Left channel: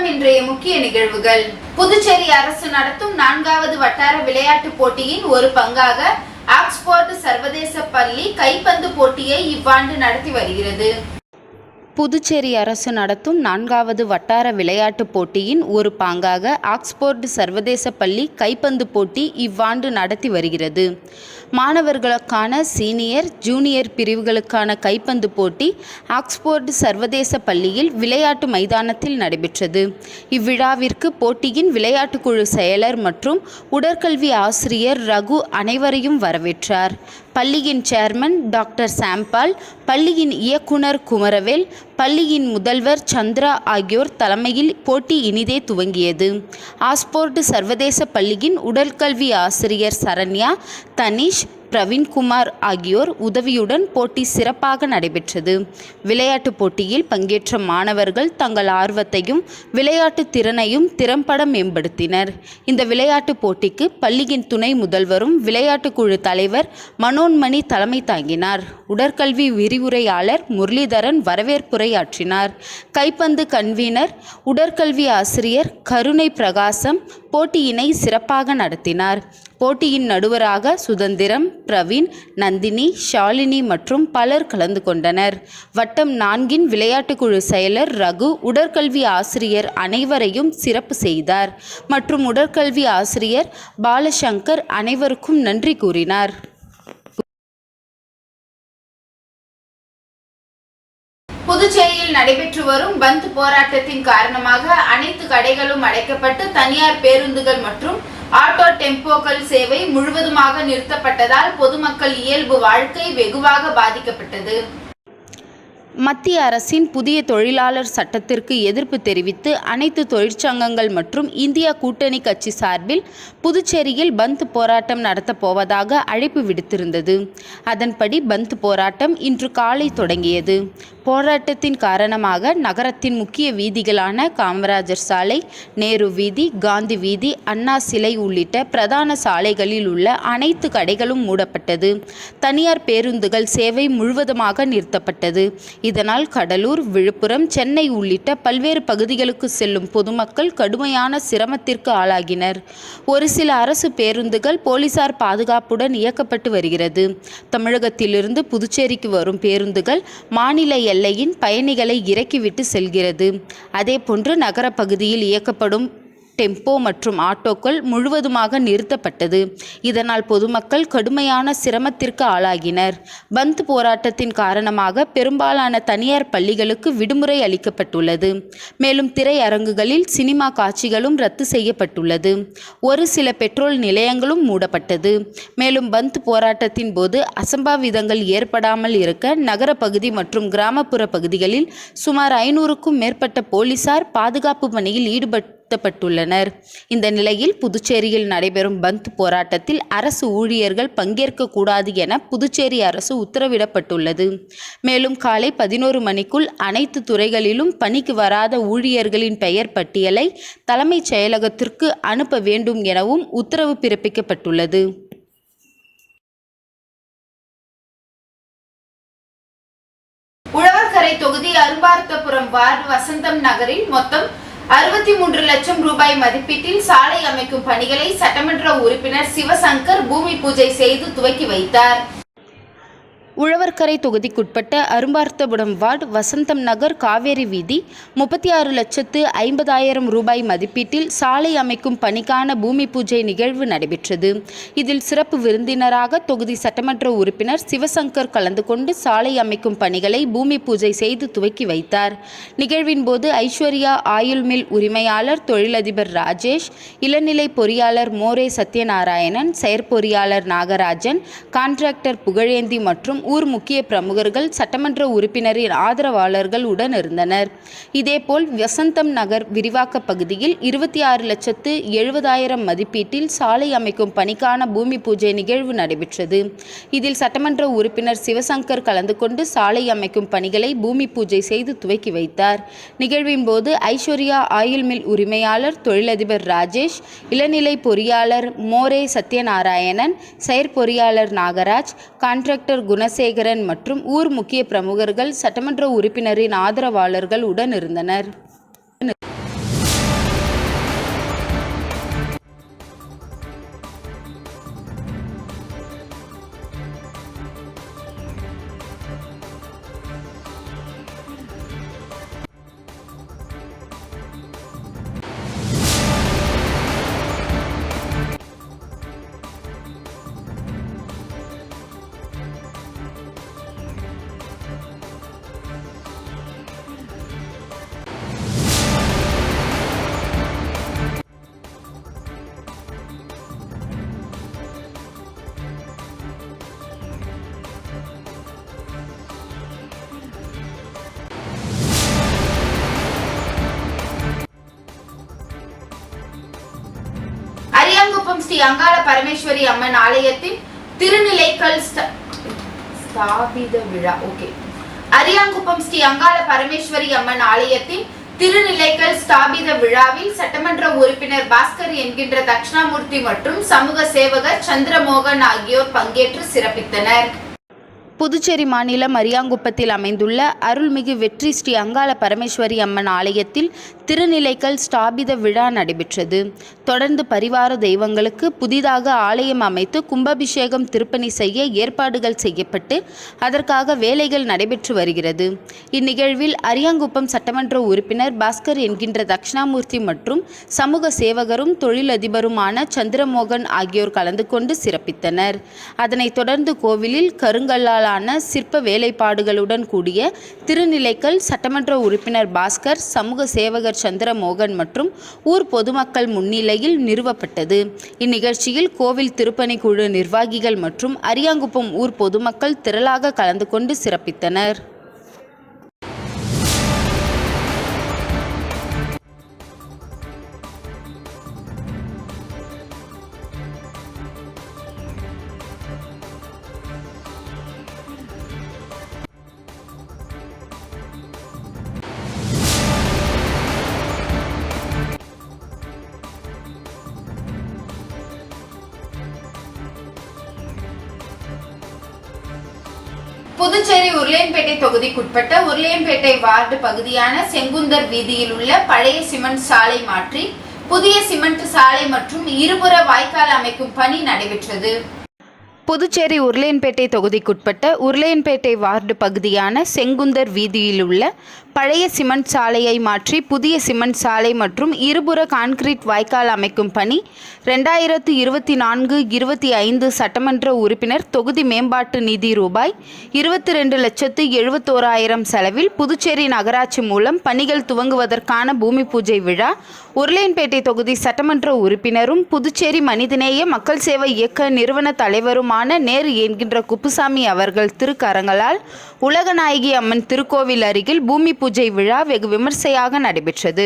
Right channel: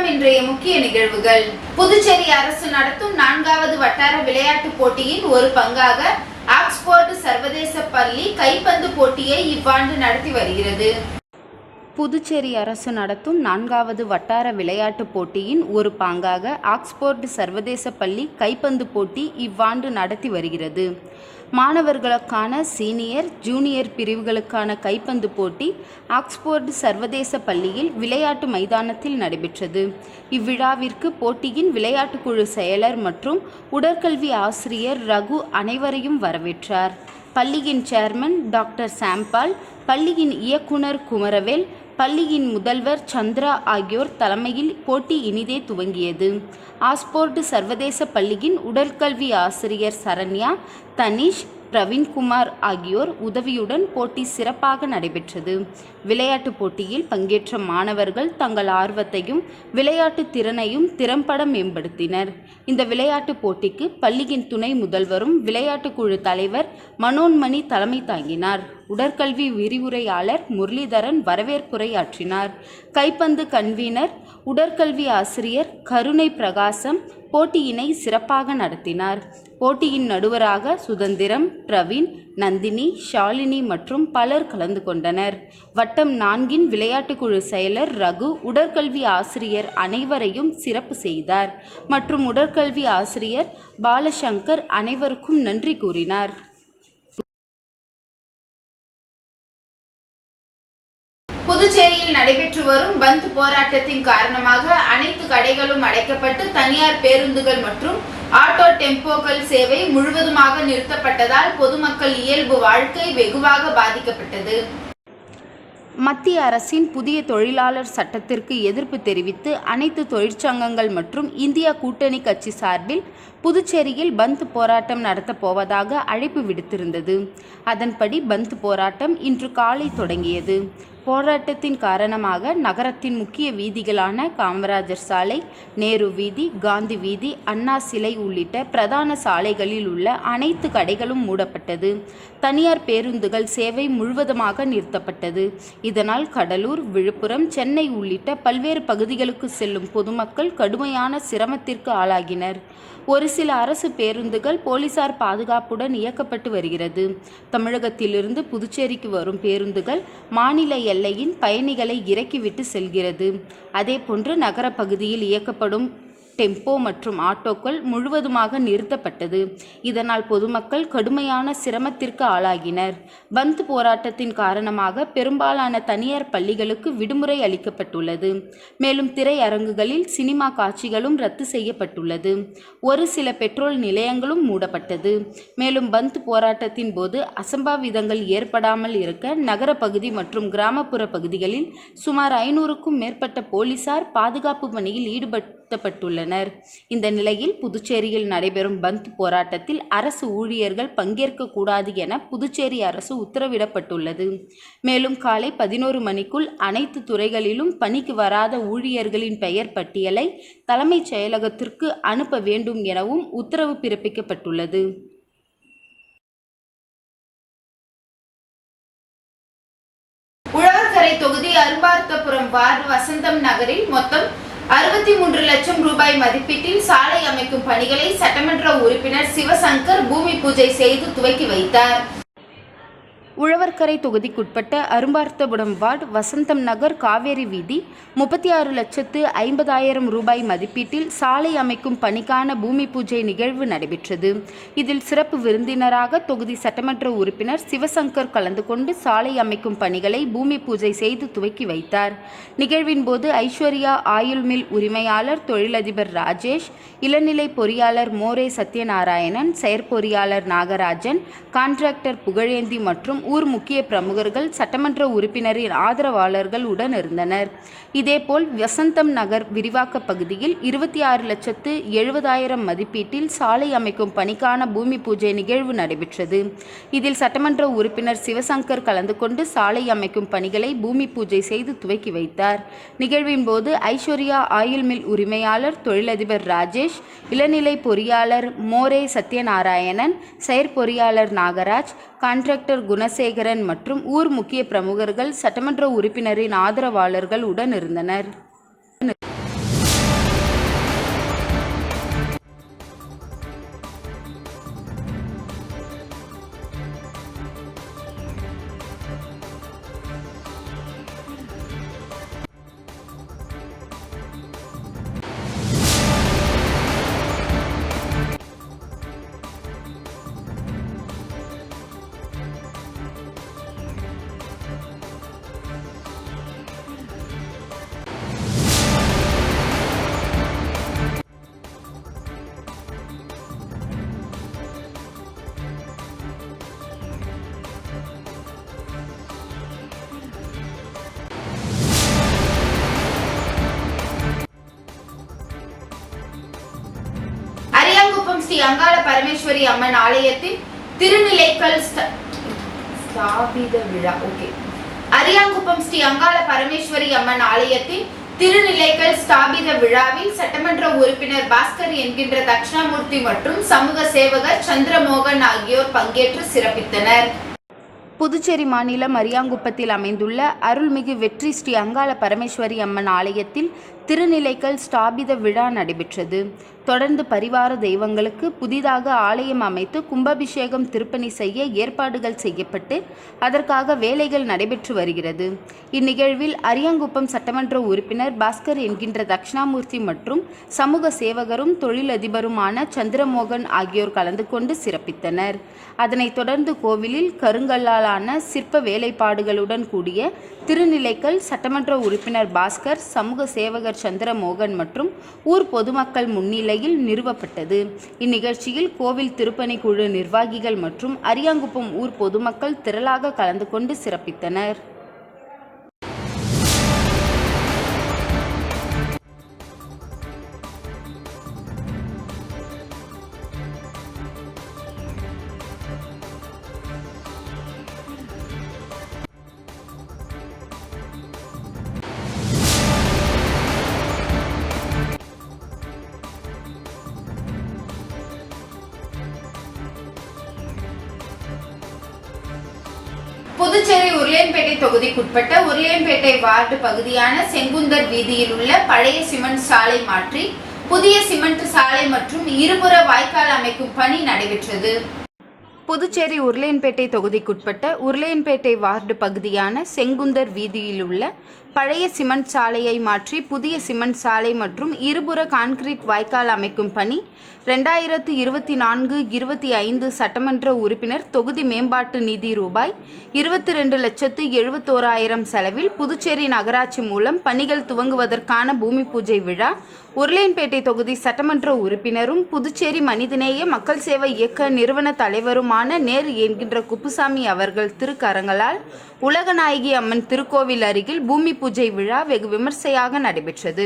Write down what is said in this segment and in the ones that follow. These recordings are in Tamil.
வணக்கம். இன்றைய முக்கிய நிகழ்வுகள். புதுச்சேரி அரசு நடத்தும் 4வது வட்டார விளையாட்டுப் போட்டியின் ஒரு பங்காக ஆக்ஸ்போர்ட் சர்வதேச பள்ளி கைப்பந்து போட்டியை இவ்வாண்டு நடத்தி வருகிறது. புதுச்சேரி அரசு நடத்தும் 4வது வட்டார விளையாட்டுப் போட்டியின் ஒரு பாங்காக ஆக்ஸ்போர்ட் சர்வதேச பள்ளி கைப்பந்து போட்டி இவ்வாண்டு நடத்தி வருகிறது. மாணவர்களுக்கான சீனியர், ஜூனியர் பிரிவுகளுக்கான கைப்பந்து போட்டி ஆக்ஸ்போர்ட் சர்வதேச பள்ளியில் விளையாட்டு மைதானத்தில் நடைபெற்றது. இவ்விழாவிற்கு போட்டியின் விளையாட்டுக்குழு செயலர் மற்றும் உடற்கல்வி ஆசிரியர் ரகு அனைவரையும் வரவேற்றார். பள்ளியின் சேர்மன் டாக்டர் சாம்பால், பள்ளியின் இயக்குனர் குமரவேல், பள்ளியின் முதல்வர் சந்திரா ஆகியோர் தலைமையில் போட்டி இனிதே துவங்கியது. ஆக்ஸ்போர்ட் சர்வதேச பள்ளியின் உடற்கல்வி ஆசிரியர் சரண்யா, தனிஷ், பிரவீன்குமார் ஆகியோர் உதவியுடன் போட்டி சிறப்பாக நடைபெற்றது. விளையாட்டுப் போட்டியில் பங்கேற்ற மாணவர்கள் தங்கள் ஆர்வத்தையும் விளையாட்டு திறனையும் திறம்பட மேம்படுத்தினர். இந்த விளையாட்டுப் போட்டிக்கு பள்ளியின் துணை முதல்வரும் விளையாட்டுக்குழு தலைவர் மனோன்மணி தலைமை தாங்கினார். உடற்கல்வி விரிவுரையாளர் முரளிதரன் வரவேற்புரையாற்றினார். கைப்பந்து கன்வீனர் உடற்கல்வி ஆசிரியர் கருணை பிரகாசம் போட்டியினை சிறப்பாக நடத்தினார். போட்டியின் நடுவராக சுதந்திரம், பிரவீன், நந்தினி, ஷாலினி மற்றும் பலர் கலந்து கொண்டனர். வட்டம் 4 விளையாட்டுக்குழு செயலர் ரகு உடற்கல்வி ஆசிரியர் அனைவரையும் சிறப்பு செய்தார் மற்றும் உடற்கல்வி ஆசிரியர் பாலசங்கர் அனைவருக்கும் நன்றி கூறினார். புதுச்சேரியில் நடைபெற்று வரும் பந்த் போராட்டத்தின் காரணமாக அனைத்து கடைகளும் அடைக்கப்பட்டு தனியார் பேருந்துகள் மற்றும் ஆட்டோ டெம்போக்கள் சேவை முழுவதுமாக நிறுத்தப்பட்டதால் பொதுமக்கள் இயல்பு வாழ்க்கை வெகுவாக பாதிக்கப்பட்டது. மத்திய அரசின் புதிய தொழிலாளர் சட்டத்திற்கு எதிர்ப்பு தெரிவித்து அனைத்து தொழிற்சங்கங்கள் மற்றும் இந்தியா கூட்டணி கட்சி சார்பில் புதுச்சேரியில் பந்த் போராட்டம் நடத்தப் போவதாக அழைப்பு விடுத்திருந்தது. அதன்படி பந்த் போராட்டம் இன்று காலை தொடங்கியது. போராட்டத்தின் காரணமாக நகரத்தின் முக்கிய வீதிகளான காமராஜர் சாலை, நேரு வீதி, காந்தி வீதி, அண்ணா சிலை உள்ளிட்ட பிரதான சாலைகளில் உள்ள அனைத்து கடைகளும் மூடப்பட்டது. தனியார் பேருந்துகள் சேவை முழுவதுமாக நிறுத்தப்பட்டது. இதனால் கடலூர், விழுப்புரம், சென்னை உள்ளிட்ட பல்வேறு பகுதிகளுக்கு செல்லும் பொதுமக்கள் கடுமையான சிரமத்திற்கு ஆளாகினர். ஒரு சில அரசு பேருந்துகள் போலீசார் பாதுகாப்புடன் இயக்கப்பட்டு வருகிறது. தமிழகத்திலிருந்து புதுச்சேரிக்கு வரும் பேருந்துகள் மாநில எல்லையின் பயணிகளை இறக்கிவிட்டு செல்கிறது. அதேபோன்று நகர பகுதியில் இயக்கப்படும் டெம்போ மற்றும் ஆட்டோக்கள் முழுவதுமாக நிறுத்தப்பட்டது. இதனால் பொதுமக்கள் கடுமையான சிரமத்திற்கு ஆளாகினர். பந்த் போராட்டத்தின் காரணமாக பெரும்பாலான தனியார் பள்ளிகளுக்கு விடுமுறை அளிக்கப்பட்டுள்ளது. மேலும் திரையரங்குகளில் சினிமா காட்சிகளும் ரத்து செய்யப்பட்டுள்ளது. ஒரு சில பெட்ரோல் நிலையங்களும் மூடப்பட்டது. மேலும் பந்த் போராட்டத்தின் போது அசம்பாவிதங்கள் ஏற்படாமல் இருக்க நகர பகுதி மற்றும் கிராமப்புற பகுதிகளில் சுமார் 500க்கும் மேற்பட்ட போலீசார் பாதுகாப்பு பணியில் ஈடுபட்டுள்ளனர். இந்த நிலையில் புதுச்சேரியில் நடைபெறும் பந்த் போராட்டத்தில் அரசு ஊழியர்கள் பங்கேற்க கூடாது என புதுச்சேரி அரசு உத்தரவிடப்பட்டுள்ளது. மேலும் காலை 11 மணிக்குள் அனைத்து துறைகளிலும் பணிக்கு வராத ஊழியர்களின் பெயர் பட்டியலை தலைமைச் செயலகத்திற்கு அனுப்ப வேண்டும் எனவும் உத்தரவு பிறப்பிக்கப்பட்டுள்ளது. உழவர்கரை தொகுதி அரும்பார்த்தபுரம் வார்டு வசந்தம் நகரில் மொத்தம் 63 லட்சம் ரூபாய் மதிப்பீட்டில் சாலை அமைக்கும் பணிகளை சட்டமன்ற உறுப்பினர் சிவசங்கர் பூமி பூஜை செய்து துவக்கி வைத்தார். உழவர்கரை தொகுதிக்குட்பட்ட அரும்பார்த்தபுரம் வார்டு வசந்தம் நகர் காவேரி வீதி 36,50,000 ரூபாய் மதிப்பீட்டில் சாலை அமைக்கும் பணிக்கான பூமி பூஜை நிகழ்வு நடைபெற்றது. இதில் சிறப்பு விருந்தினராக தொகுதி சட்டமன்ற உறுப்பினர் சிவசங்கர் கலந்து கொண்டு சாலை அமைக்கும் பணிகளை பூமி பூஜை செய்து துவக்கி வைத்தார். நிகழ்வின் போது ஐஸ்வர்யா ஆயில் மில் உரிமையாளர் தொழிலதிபர் ராஜேஷ், இளநிலை பொறியாளர் மோரே சத்யநாராயணன், செயற்பொறியாளர் நாகராஜன், கான்ட்ராக்டர் புகழேந்தி மற்றும் ஊர் முக்கிய பிரமுகர்கள், சட்டமன்ற உறுப்பினரின் ஆதரவாளர்கள் உடன் இருந்தனர். இதேபோல் வசந்தம் நகர் விரிவாக்க பகுதியில் 26,70,000 மதிப்பீட்டில் சாலை அமைக்கும் பணிக்கான பூமி பூஜை நிகழ்வு நடைபெற்றது. இதில் சட்டமன்ற உறுப்பினர் சிவசங்கர் கலந்து கொண்டு சாலை அமைக்கும் பணிகளை பூமி பூஜை செய்து துவக்கி வைத்தார். நிகழ்வின் போது ஐஸ்வர்யா ஆயில் மில் உரிமையாளர் தொழிலதிபர் ராஜேஷ், இளநிலை பொறியாளர் மோரே சத்யநாராயணன், செயற்பொறியாளர் நாகராஜ், கான்ட்ராக்டர் குணசேகரன் மற்றும் ஊர் முக்கிய பிரமுகர்கள், சட்டமன்ற உறுப்பினரின் ஆதரவாளர்கள் உடன் இருந்தனர். அங்காள பரமேஸ்வரி அம்மன் ஆலயத்தின் திருநிலைக்கல் ஸ்தாபித விழா. அரியாங்குப்பம் ஸ்ரீ அங்காள பரமேஸ்வரி அம்மன் ஆலயத்தின் திருநிலைக்கல் ஸ்தாபித விழாவில் சட்டமன்ற உறுப்பினர் பாஸ்கர் என்கின்ற தட்சிணாமூர்த்தி மற்றும் சமூக சேவகர் சந்திரமோகன் ஆகியோர் பங்கேற்று சிறப்பித்தனர். புதுச்சேரி மாநிலம் அரியாங்குப்பத்தில் அமைந்துள்ள அருள்மிகு வெற்றி ஸ்ரீ அங்காள பரமேஸ்வரி அம்மன் ஆலயத்தில் திருநிலைக்கல் ஸ்தாபித விழா நடைபெற்றது. தொடர்ந்து பரிவார தெய்வங்களுக்கு புதிதாக ஆலயம் அமைத்து கும்பாபிஷேகம் திருப்பணி செய்ய ஏற்பாடுகள் செய்யப்பட்டு அதற்காக வேலைகள் நடைபெற்று வருகிறது. இந்நிகழ்வில் அரியாங்குப்பம் சட்டமன்ற உறுப்பினர் பாஸ்கர் என்கின்ற தட்சிணாமூர்த்தி மற்றும் சமூக சேவகரும் தொழிலதிபருமான சந்திரமோகன் ஆகியோர் கலந்து கொண்டு சிறப்பித்தனர். அதனைத் தொடர்ந்து கோவிலில் கருங்கல்லால் சிற்ப வேலைப்பாடுகளுடன் கூடிய திருநிலைக்கல் சட்டமன்ற உறுப்பினர் பாஸ்கர், சமூக சேவகர் சந்திரமோகன் மற்றும் ஊர் பொதுமக்கள் முன்னிலையில் நிறுவப்பட்டது. இந்நிகழ்ச்சியில் கோவில் திருப்பணி குழு நிர்வாகிகள் மற்றும் அரியாங்குப்பம் ஊர் பொதுமக்கள் திரளாக கலந்து கொண்டு சிறப்பித்தனர். புதுச்சேரி உருளையன்பேட்டை தொகுதிக்குட்பட்ட உருளையன்பேட்டை வார்டு பகுதியான செங்குந்தர் வீதியில் உள்ள பழைய சிமெண்ட் சாலை மாற்றி புதிய சிமெண்ட் சாலை மற்றும் இருபுற வாய்க்கால் அமைக்கும் பணி நடைபெற்றது. புதுச்சேரி உருளையன்பேட்டை தொகுதிக்குட்பட்ட உருளையன்பேட்டை வார்டு பகுதியான செங்குந்தர் வீதியில் உள்ள பழைய சிமெண்ட் சாலையை மாற்றி புதிய சிமெண்ட் சாலை மற்றும் இருபுற கான்கிரீட் வாய்க்கால் அமைக்கும் பணி 2024-25 சட்டமன்ற உறுப்பினர் தொகுதி மேம்பாட்டு நிதி ரூபாய் 22,71,000 செலவில் புதுச்சேரி நகராட்சி மூலம் பணிகள் துவங்குவதற்கான பூமி பூஜை விழா உருளையன்பேட்டை தொகுதி சட்டமன்ற உறுப்பினரும் புதுச்சேரி மனிதநேய மக்கள் சேவை இயக்க நிறுவன தலைவருமான நேரு என்கின்ற குப்புசாமி அவர்கள் திருக்கரங்களால் உலகநாயகி அம்மன் திருக்கோவில் அருகில் பூமி பூஜை விழா வெகு விமர்சையாக நடைபெற்றது.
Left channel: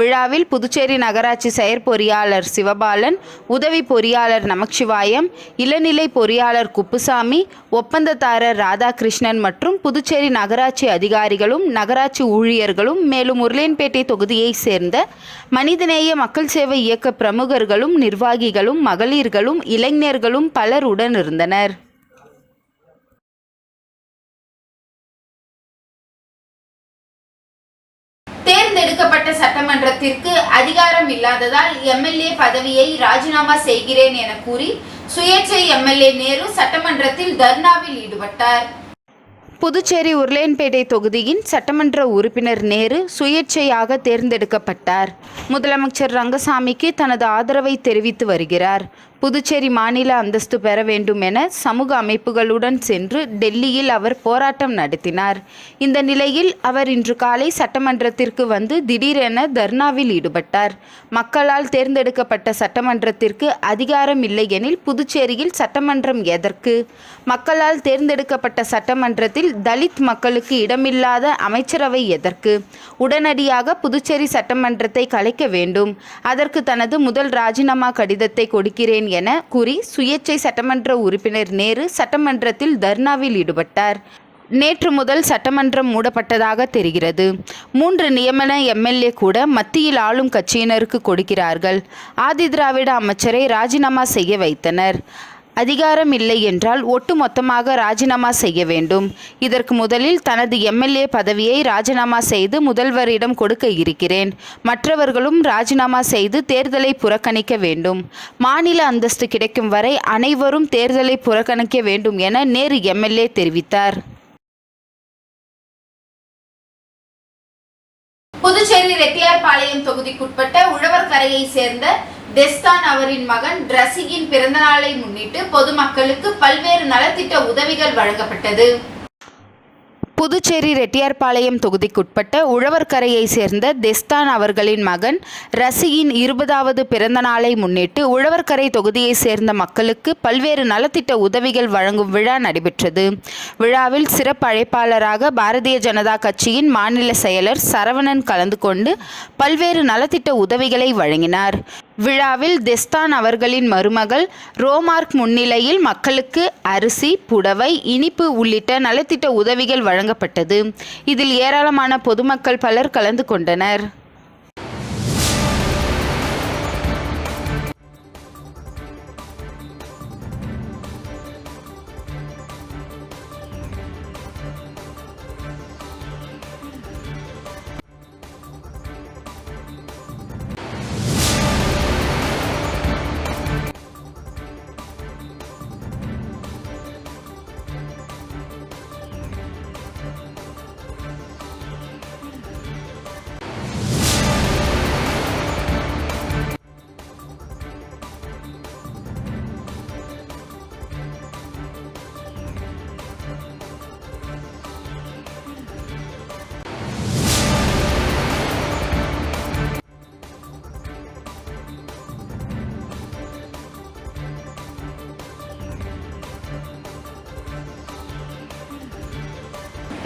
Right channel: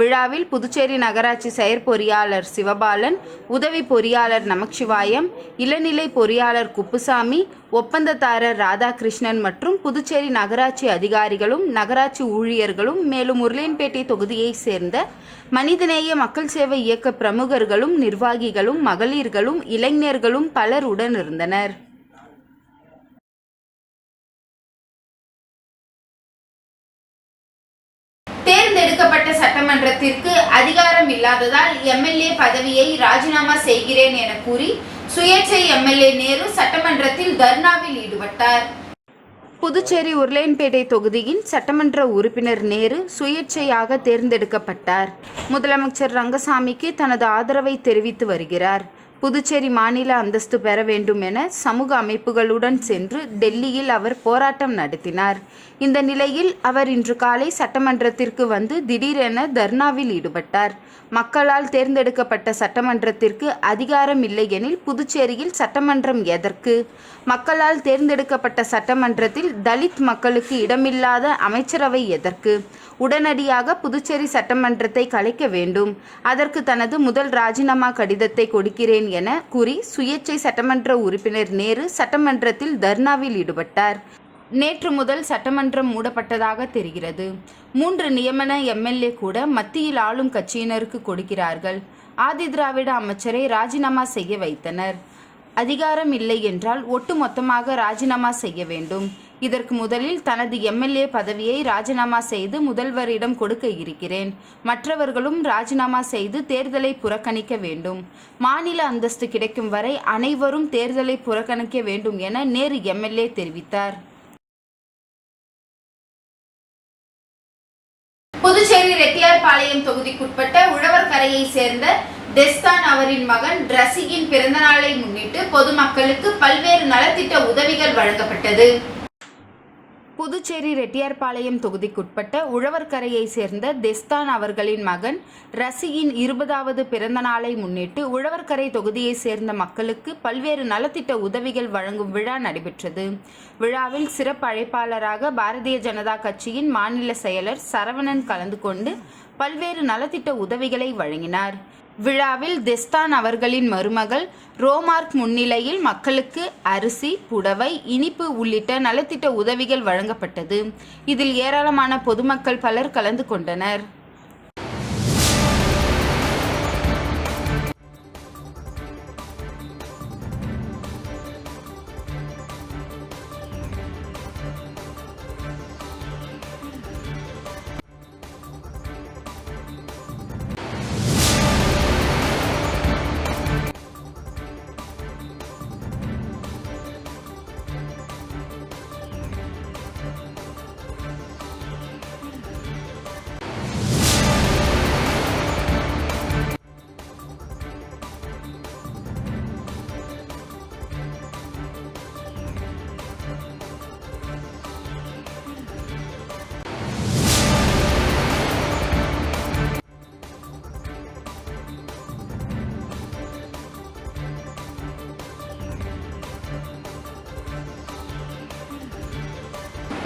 விழாவில் புதுச்சேரி நகராட்சி செயற்பொறியாளர் சிவபாலன், உதவி பொறியாளர் நமச்சிவாயம், இளநிலை பொறியாளர் குப்புசாமி, ஒப்பந்ததாரர் ராதாகிருஷ்ணன் மற்றும் புதுச்சேரி நகராட்சி அதிகாரிகளும் நகராட்சி ஊழியர்களும் மேலும் உருளையன்பேட்டை தொகுதியை சேர்ந்த மனிதநேய மக்கள் சேவை இயக்க பிரமுகர்களும் நிர்வாகிகளும் மகளிர்களும் இளைஞர்களும் பலர் உடன் இருந்தனர். தேர்ந்தெடுக்கப்பட்ட சட்டமன்றத்திற்கு அதிகாரம் இல்லாததால் எம்எல்ஏ பதவியை ராஜினாமா செய்கிறேன் என கூறி சுயேட்சை எம்எல்ஏ நேரு சட்டமன்றத்தில் தர்ணாவில் ஈடுபட்டார். புதுச்சேரி உருளையன்பேட்டை தொகுதியின் சட்டமன்ற உறுப்பினர் நேரு சுயேட்சையாக தேர்ந்தெடுக்கப்பட்டார். முதலமைச்சர் ரங்கசாமிக்கு தனது ஆதரவை தெரிவித்து வருகிறார். புதுச்சேரி மாநில அந்தஸ்து பெற வேண்டும் என சமூக அமைப்புகளுடன் சென்று டெல்லியில் அவர் போராட்டம் நடத்தினார். இந்த நிலையில் அவர் இன்று காலை சட்டமன்றத்திற்கு வந்து திடீரென தர்ணாவில் ஈடுபட்டார். மக்களால் தேர்ந்தெடுக்கப்பட்ட சட்டமன்றத்திற்கு அதிகாரம் இல்லை எனில் புதுச்சேரியில் சட்டமன்றம் எதற்கு? மக்களால் தேர்ந்தெடுக்கப்பட்ட சட்டமன்றத்தில் தலித் மக்களுக்கு இடமில்லாத அமைச்சரவை எதற்கு? உடனடியாக புதுச்சேரி சட்டமன்றத்தை கலைக்க வேண்டும். அதற்கு தனது முதல் ராஜினாமா கடிதத்தை கொடுக்கிறேன் என கூறி சுயேட்சை சட்டமன்ற உறுப்பினர் நேரு சட்டமன்றத்தில் தர்ணாவில் ஈடுபட்டார். நேற்று முதல் சட்டமன்றம் மூடப்பட்டதாக தெரிகிறது. 3 நியமன எம்எல்ஏ கூட மத்தியில் ஆளும் கட்சியினருக்கு கொடுக்கிறார்கள். ஆதிதிராவிட அமைச்சரை ராஜினாமா செய்ய வைத்தனர். அதிகாரம் இல்லை என்றால் ஒட்டுமொத்தமாக ராஜினாமா செய்ய வேண்டும். இதற்கு முதலில் தனது எம்எல்ஏ பதவியை ராஜினாமா செய்து முதல்வரிடம் கொடுக்க இருக்கிறேன். மற்றவர்களும் ராஜினாமா செய்து தேர்தலை புறக்கணிக்க வேண்டும். மாநில அந்தஸ்து கிடைக்கும் வரை அனைவரும் தேர்தலை புறக்கணிக்க வேண்டும் என நேரு எம்எல்ஏ தெரிவித்தார். புதுச்சேரி ரெட்டியார்பாளையம் தொகுதிக்குட்பட்ட உழவர்கரையை சேர்ந்த டெஸ்தான் அவரின் மகன் ரசிகின் பிறந்தநாளை முன்னிட்டு பொதுமக்களுக்கு பல்வேறு நலத்திட்ட உதவிகள் வழங்கப்பட்டது. புதுச்சேரி ரெட்டியார்பாளையம் தொகுதிக்குட்பட்ட உழவர்கரையை சேர்ந்த டெஸ்தான் அவர்களின் மகன் ரசியின் 20வது பிறந்த நாளை முன்னிட்டு உழவர்கரை தொகுதியை சேர்ந்த மக்களுக்கு பல்வேறு நலத்திட்ட உதவிகள் வழங்கும் விழா நடைபெற்றது. விழாவில் சிறப்பு அழைப்பாளராக பாரதிய ஜனதா கட்சியின் மாநில செயலர் சரவணன் கலந்து கொண்டு பல்வேறு நலத்திட்ட உதவிகளை வழங்கினார். விழாவில் தெஸ்தான் அவர்களின் மருமகள் ரோமார்க் முன்னிலையில் மக்களுக்கு அரிசி, புடவை, இனிப்பு உள்ளிட்ட நலத்திட்ட உதவிகள் வழங்கப்பட்டது. இதில் ஏராளமான பொதுமக்கள் பலர் கலந்து கொண்டனர்.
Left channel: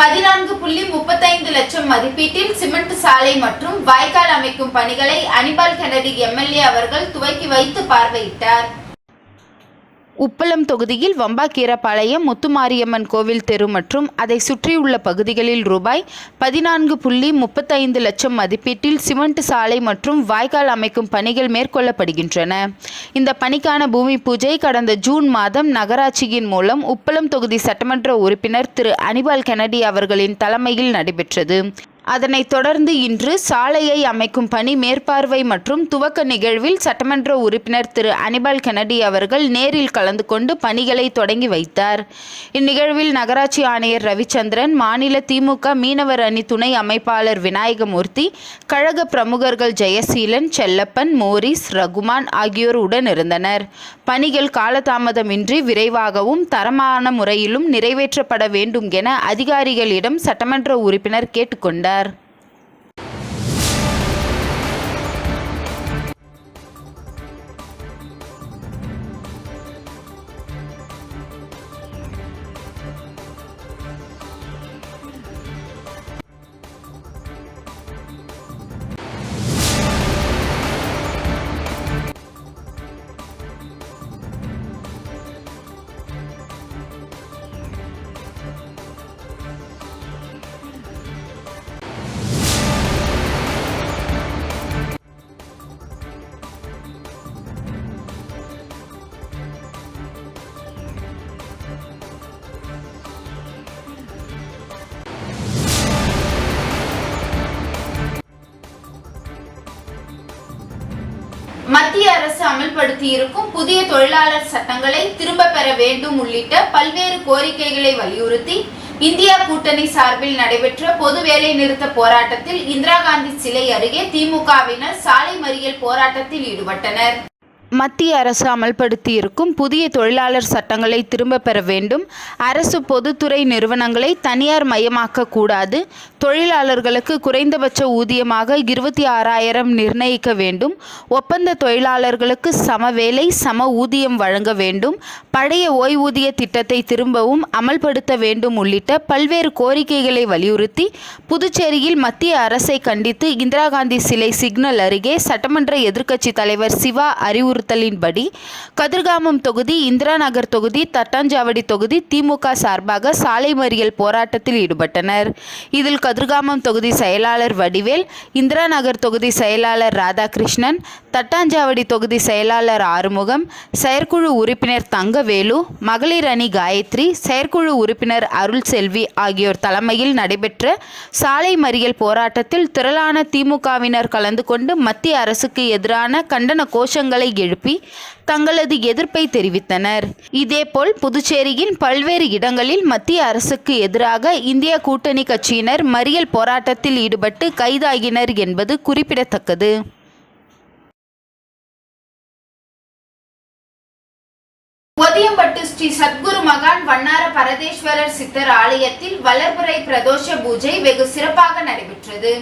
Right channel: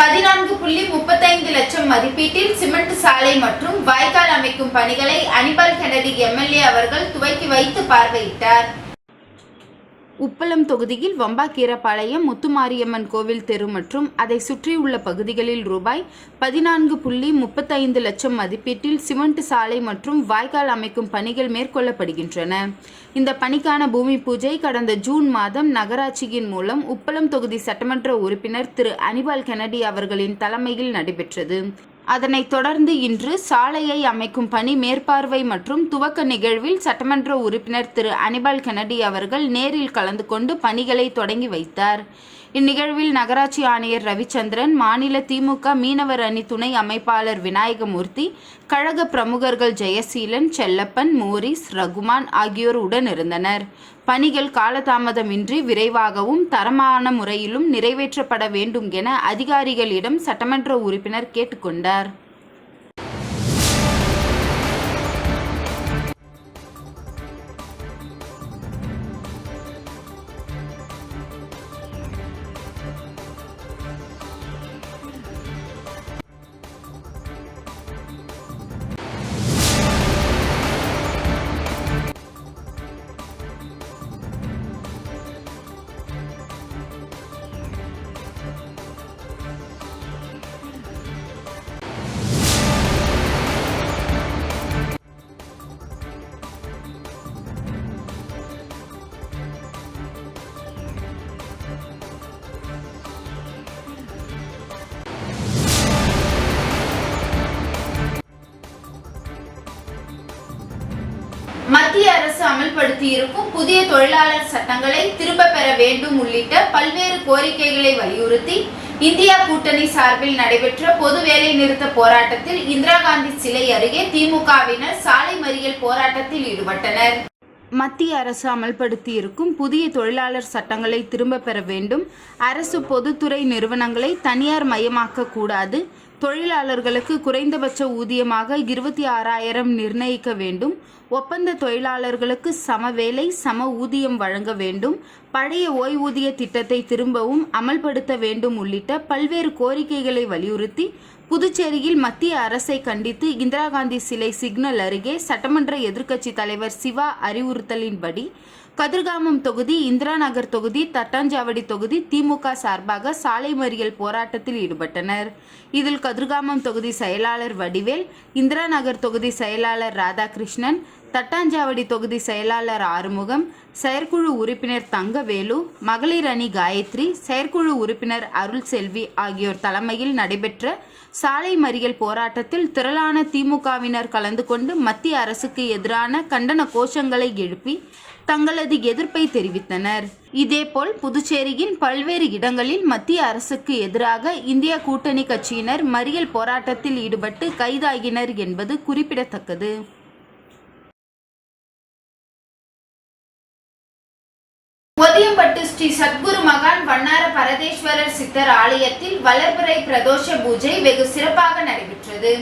$14.35 லட்சம் மதிப்பீட்டில் சிமெண்ட் சாலை மற்றும் வாய்க்கால் அமைக்கும் பணிகளை அனிபால் கென்னடி எம்எல்ஏ அவர்கள் துவக்கி வைத்து பார்வையிட்டார். உப்பளம் தொகுதியில் வம்பாக்கீரபாளையம் முத்துமாரியம்மன் கோவில் தெரு மற்றும் அதை சுற்றியுள்ள பகுதிகளில் ரூபாய் 14.35 லட்சம் மதிப்பீட்டில் சிமெண்ட் சாலை மற்றும் வாய்க்கால் அமைக்கும் பணிகள் மேற்கொள்ளப்படுகின்றன. இந்த பணிக்கான பூமி பூஜை கடந்த ஜூன் மாதம் நகராட்சியின் மூலம் உப்பளம் தொகுதி சட்டமன்ற உறுப்பினர் திரு அனிபால் கென்னடி அவர்களின் தலைமையில் நடைபெற்றது. அதனைத் தொடர்ந்து இன்று சாலையை அமைக்கும் பணி மேற்பார்வை மற்றும் துவக்க நிகழ்வில் சட்டமன்ற உறுப்பினர் திரு அனிபால் கென்னடி அவர்கள் நேரில் கலந்து கொண்டு பணிகளை தொடங்கி வைத்தார். இந்நிகழ்வில் நகராட்சி ஆணையர் ரவிச்சந்திரன், மாநில திமுக மீனவர் அணி துணை அமைப்பாளர் விநாயகமூர்த்தி, கழக பிரமுகர்கள் ஜெயசீலன், செல்லப்பன், மோரிஸ், ரகுமான் ஆகியோர் உடனிருந்தனர். பணிகள் காலதாமதமின்றி விரைவாகவும் தரமான முறையிலும் நிறைவேற்றப்பட வேண்டும் என அதிகாரிகளிடம் சட்டமன்ற உறுப்பினர் கேட்டுக்கொண்டார். மத்திய அரசு அமல்படுத்தியிருக்கும் புதிய தொழிலாளர் சட்டங்களை திரும்ப பெற வேண்டும் உள்ளிட்ட பல்வேறு கோரிக்கைகளை வலியுறுத்தி இந்தியா கூட்டணி சார்பில் நடைபெற்ற பொது வேலை நிறுத்த போராட்டத்தில் இந்திரா காந்தி சிலை அருகே திமுகவினர் சாலை மறியல் போராட்டத்தில் ஈடுபட்டனர். மத்திய அரசு அமல்படுத்தியிருக்கும் புதிய தொழிலாளர் சட்டங்களை திரும்ப பெற வேண்டும். அரசு பொதுத்துறை நிறுவனங்களை தனியார் மயமாக்க கூடாது. தொழிலாளர்களுக்கு குறைந்தபட்ச ஊதியமாக 26,000 நிர்ணயிக்க வேண்டும். ஒப்பந்த தொழிலாளர்களுக்கு சம வேலை சம ஊதியம் வழங்க வேண்டும். பழைய ஓய்வூதிய திட்டத்தை திரும்பவும் அமல்படுத்த வேண்டும் உள்ளிட்ட பல்வேறு கோரிக்கைகளை வலியுறுத்தி புதுச்சேரியில் மத்திய அரசை கண்டித்து இந்திரா காந்தி சிலை சிக்னல் அருகே சட்டமன்ற எதிர்க்கட்சி தலைவர் சிவா அறிவுறுத்தலின்படி கதிர்காமம் தொகுதி, இந்திரா நகர் தொகுதி, தட்டாஞ்சாவடி தொகுதி திமுக சார்பாக சாலை மறியல் போராட்டத்தில் ஈடுபட்டனர். இதில் கதிர்காமம் தொகுதி செயலாளர் வடிவேல், இந்திரா நகர் தொகுதி செயலாளர் ராதாகிருஷ்ணன், தட்டாஞ்சாவடி தொகுதி செயலாளர் ஆறுமுகம், செயற்குழு உறுப்பினர் தங்கவேலு, மகளிர் அணி காயத்ரி, செயற்குழு உறுப்பினர் அருள் செல்வி ஆகியோர் தலைமையில் நடைபெற்ற சாலை மறியல் போராட்டத்தில் திரளான திமுகவினர் கலந்து கொண்டு மத்திய அரசுக்கு எதிரான கண்டன கோஷங்களை எழுப்பி தங்களது எதிர்ப்பை தெரிவித்தனர். இதேபோல் புதுச்சேரியின் பல்வேறு இடங்களில் மத்திய அரசுக்கு எதிராக இந்திய கூட்டணி கட்சியினர் மறியல் போராட்டத்தில் ஈடுபட்டு கைதாகினர் என்பது குறிப்பிடத்தக்கது. ஒதியம்பட்டு ஸ்ரீ சத்குரு மகான் வண்ணார பரதேஸ்வரர் சித்தர் ஆலயத்தில் வளர்பிறை பிரதோஷ பூஜை வெகு சிறப்பாக நடைபெற்றது.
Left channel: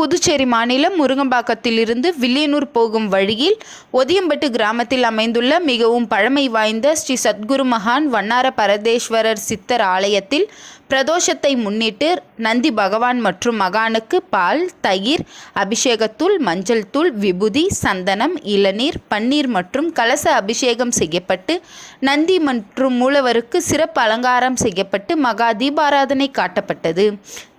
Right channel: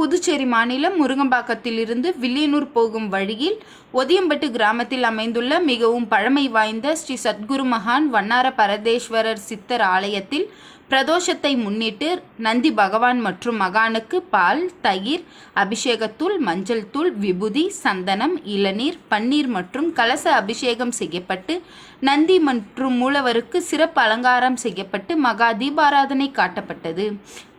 புதுச்சேரி மாநிலம் முருங்கம்பாக்கத்திலிருந்து வில்லியனூர் போகும் வழியில் ஒதியம்பட்டு கிராமத்தில் அமைந்துள்ள மிகவும் பழமை வாய்ந்த ஸ்ரீ சத்குரு மகான் வண்ணார பரதேஸ்வரர் சித்தர் ஆலயத்தில் பிரதோஷத்தை முன்னிட்டு நந்தி பகவான் மற்றும் மகானுக்கு பால், தயிர், அபிஷேகத்தூள், மஞ்சள் தூள், விபூதி, சந்தனம், இளநீர், பன்னீர் மற்றும் கலச அபிஷேகம் செய்யப்பட்டு நந்தி மற்றும் மூலவருக்கு சிறப்பு அலங்காரம் செய்யப்பட்டு மகா தீபாராதனை காட்டப்பட்டது.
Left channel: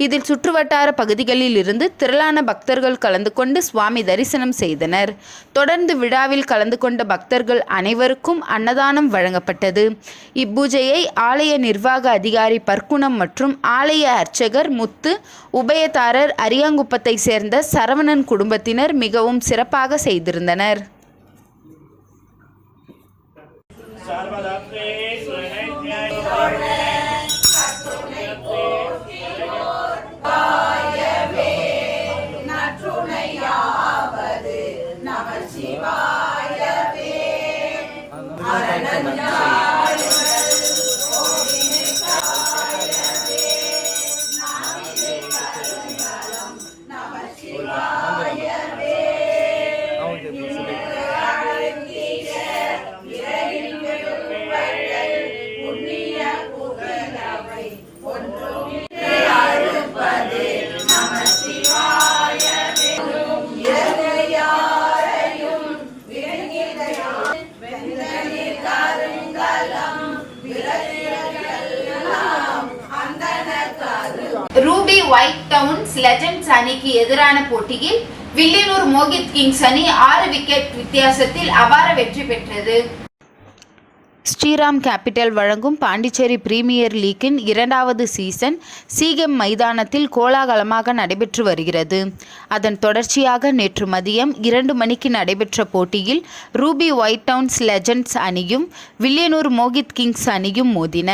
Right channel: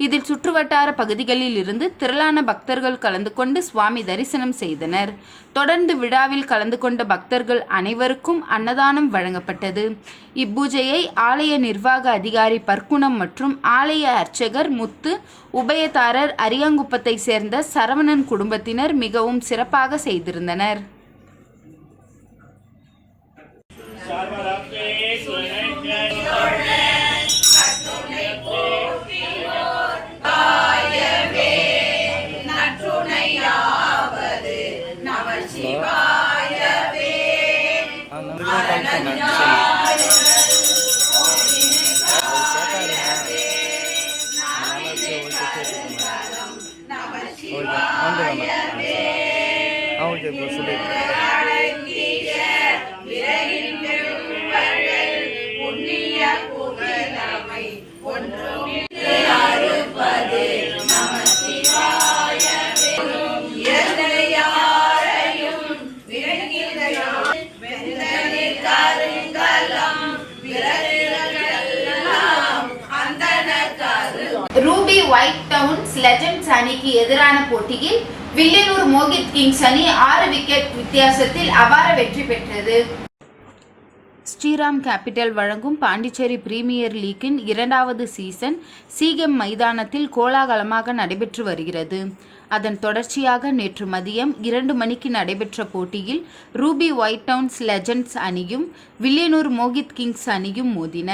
இதில் சுற்றுவட்டார பகுதிகளில் இருந்து திரளான பக்தர்கள் கலந்து கொண்டு சுவாமி தரிசனம் செய்தனர். தொடர்ந்து விழாவில் கலந்து கொண்ட பக்தர்கள் அனைவருக்கும் அன்னதானம் வழங்கப்பட்டது. இப்பூஜையை ஆலய நிர்வாக அதிகாரி பர்க்குணம் மற்றும் ஆலய அர்ச்சகர் முத்து, உபயதாரர் அரியாங்குப்பத்தை சேர்ந்த சரவணன் குடும்பத்தினர் மிகவும் சிறப்பாக செய்திருந்தனர். ரூபி ஒயிட் டவுன்ஸ் லெஜண்ட்ஸ் அணிக்கு எதிரான போட்டியில் வில்லியனூர் மோகித் கிங்ஸ் அணி 6 விக்கெட் வித்தியாசத்தில் அபார வெற்றி பெற்றது. ஸ்ரீராம் கேபிட்டல் வழங்கும் பாண்டிச்சேரி பிரீமியர் லீக்கின் 2வது சீசன் சீகெம் மைதானத்தில் கோலாகலமாக நடைபெற்று வருகிறது. அதன் தொடர்ச்சியாக நேற்று மதியம் 2 மணிக்கு நடைபெற்ற போட்டியில் ரூபி ஒயிட் டவுன்ஸ் லெஜண்ட்ஸ் அணியும் வில்லியனூர் மோகித் கிங்ஸ் அணியும் மோதின.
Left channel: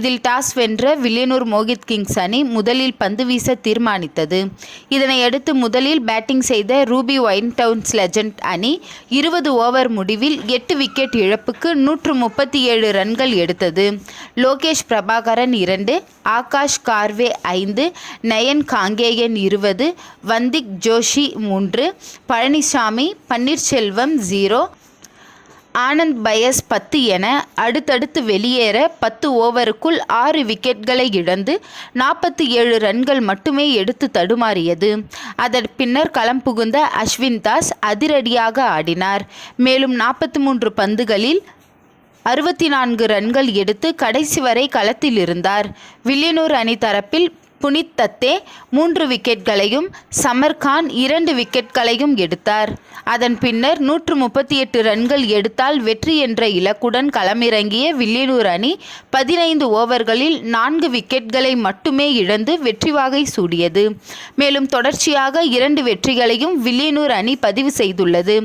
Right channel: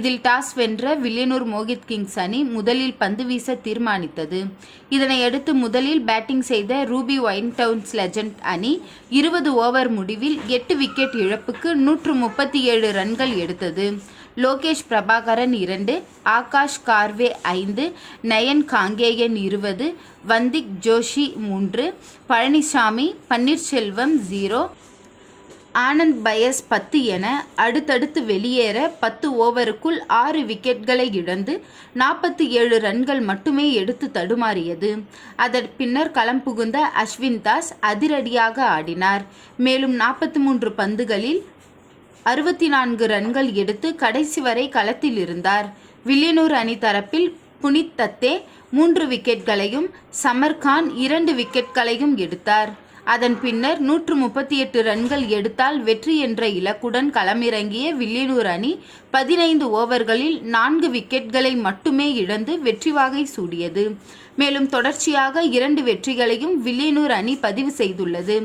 இதில் டாஸ் வென்ற வில்லியனூர் மோகித் கிங்ஸ் அணி முதலில் பந்து வீச தீர்மானித்தது. இதனையடுத்து முதலில் பேட்டிங் செய்த ரூபி ஒயிட் டவுன்ஸ் லெஜண்ட் அணி 20 ஓவர் முடிவில் 8 விக்கெட் இழப்புக்கு 137 ரன்கள் எடுத்தது. லோகேஷ் பிரபாகரன் 2, ஆகாஷ் கார்வே 5, நயன் காங்கேயன் 20, வந்திக் ஜோஷி 3, பழனிசாமி, பன்னீர்செல்வம் 0, ஆனந்த் பயஸ் 10 என அடுத்தடுத்து வெளியேற 10 ஓவருக்குள் 6 விக்கெட்களை இழந்து 47 ரன்கள் மட்டுமே எடுத்து தடுமாறியது. அதன் பின்னர் களம் புகுந்த அஸ்வின் தாஸ் அதிரடியாக ஆடினார். மேலும் 43 பந்துகளில் 64 ரன்கள் எடுத்து கடைசி வரை களத்தில் இருந்தார். வில்லியனூர் அணி தரப்பில் புனித் தத்தே 3 விக்கெட்களையும் சமர்கான் 2 விக்கெட்களையும் எடுத்தார். அதன் பின்னர் 138 ரன்கள் எடுத்தால் வெற்றி என்ற இலக்குடன் களமிறங்கிய வில்லியனூர் அணி 15 ஓவர்களில் 4 விக்கெட்களை மட்டுமே இழந்து வெற்றி வாகை சூடியது. மேலும் தொடர்ச்சியாக 2 வெற்றிகளையும் வில்லியனூர் அணி பதிவு செய்துள்ளது.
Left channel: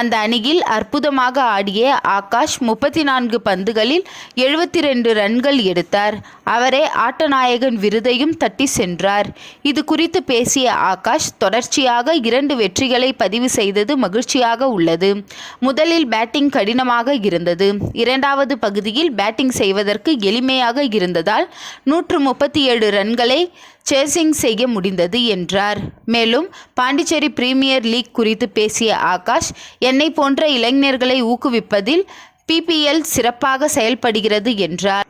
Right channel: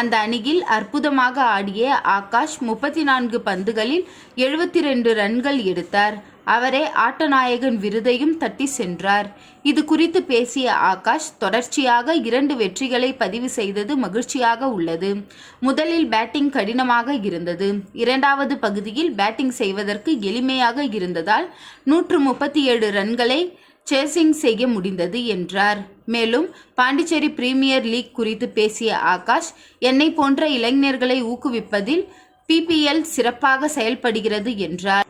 அந்த அணியில் அற்புதமாக ஆடிய ஆகாஷ் 34 பந்துகளில் 72 ரன்கள் எடுத்தார். அவரே ஆட்டநாயகன் விருதையும் தட்டி சென்றார். இது குறித்து பேசிய ஆகாஷ், தொடர்ச்சியாக 2 வெற்றிகளை பதிவு செய்தது மகிழ்ச்சியாக உள்ளது. முதலில் பேட்டிங் கடினமாக இருந்தது. 2வது பகுதியில் பேட்டிங் செய்வதற்கு எளிமையாக இருந்ததால் 137 ரன்களை சேசிங் செய்ய முடிந்தது என்றார். மேலும் பாண்டிச்சேரி பிரீமியர் லீக் குறித்து பேசிய ஆகாஷ், என்னை போன்ற இளைஞர்களை ஊக்குவிப்பதில் PPL சிறப்பாக செயல்படுகிறது என்றார்.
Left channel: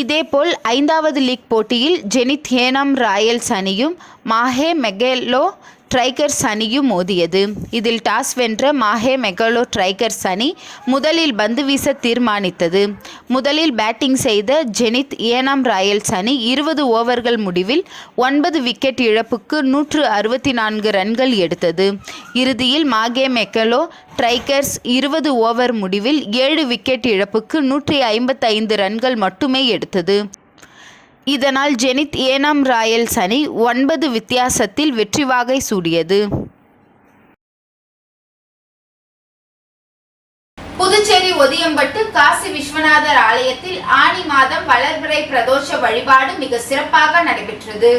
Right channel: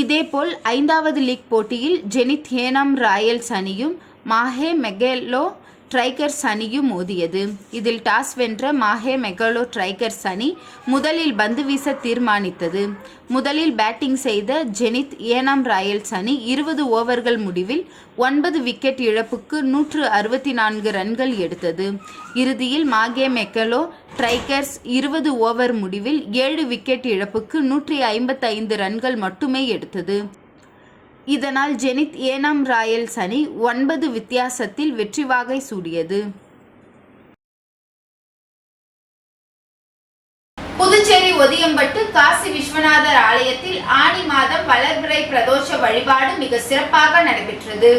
இதேபோல் 5வது லீக் போட்டியில் ஜெனித் ஏனாம் ராயல்ஸ் அணியும் மாஹே மெகலோ ட்ரைகர்ஸ் அணியும் மோதியது. இதில் டாஸ் வென்ற மாஹே மெகலோ ட்ரைகர்ஸ் அணி முதலில் பந்து வீச தீர்மானித்தது. முதலில் பேட்டிங் செய்த ஜெனித் ஏனாம் ராயல்ஸ் அணி 20 ஓவர்கள் முடிவில் 9 விக்கெட் இழப்புக்கு 164 ரன்கள் எடுத்தது. இறுதியில் மாஹே மெகலோ ட்ரைகர்ஸ் 20 ஓவர் முடிவில் 7 விக்கெட் இழப்புக்கு 155 ரன்கள் மட்டுமே எடுத்தது. இதனால் ஜெனித் ஏனாம் ராயல்ஸ் அணி 9 வித்தியாசத்தில் வெற்றி வாகை சூடியது. புதுச்சேரி ஒதியம்பட்டு காசி விஸ்வநாதர் ஆலயத்தில் ஆனி மாதம் வளர்பிறை பிரதோஷ வழிபாடு மிக சிறப்பாக நடைபெற்றது.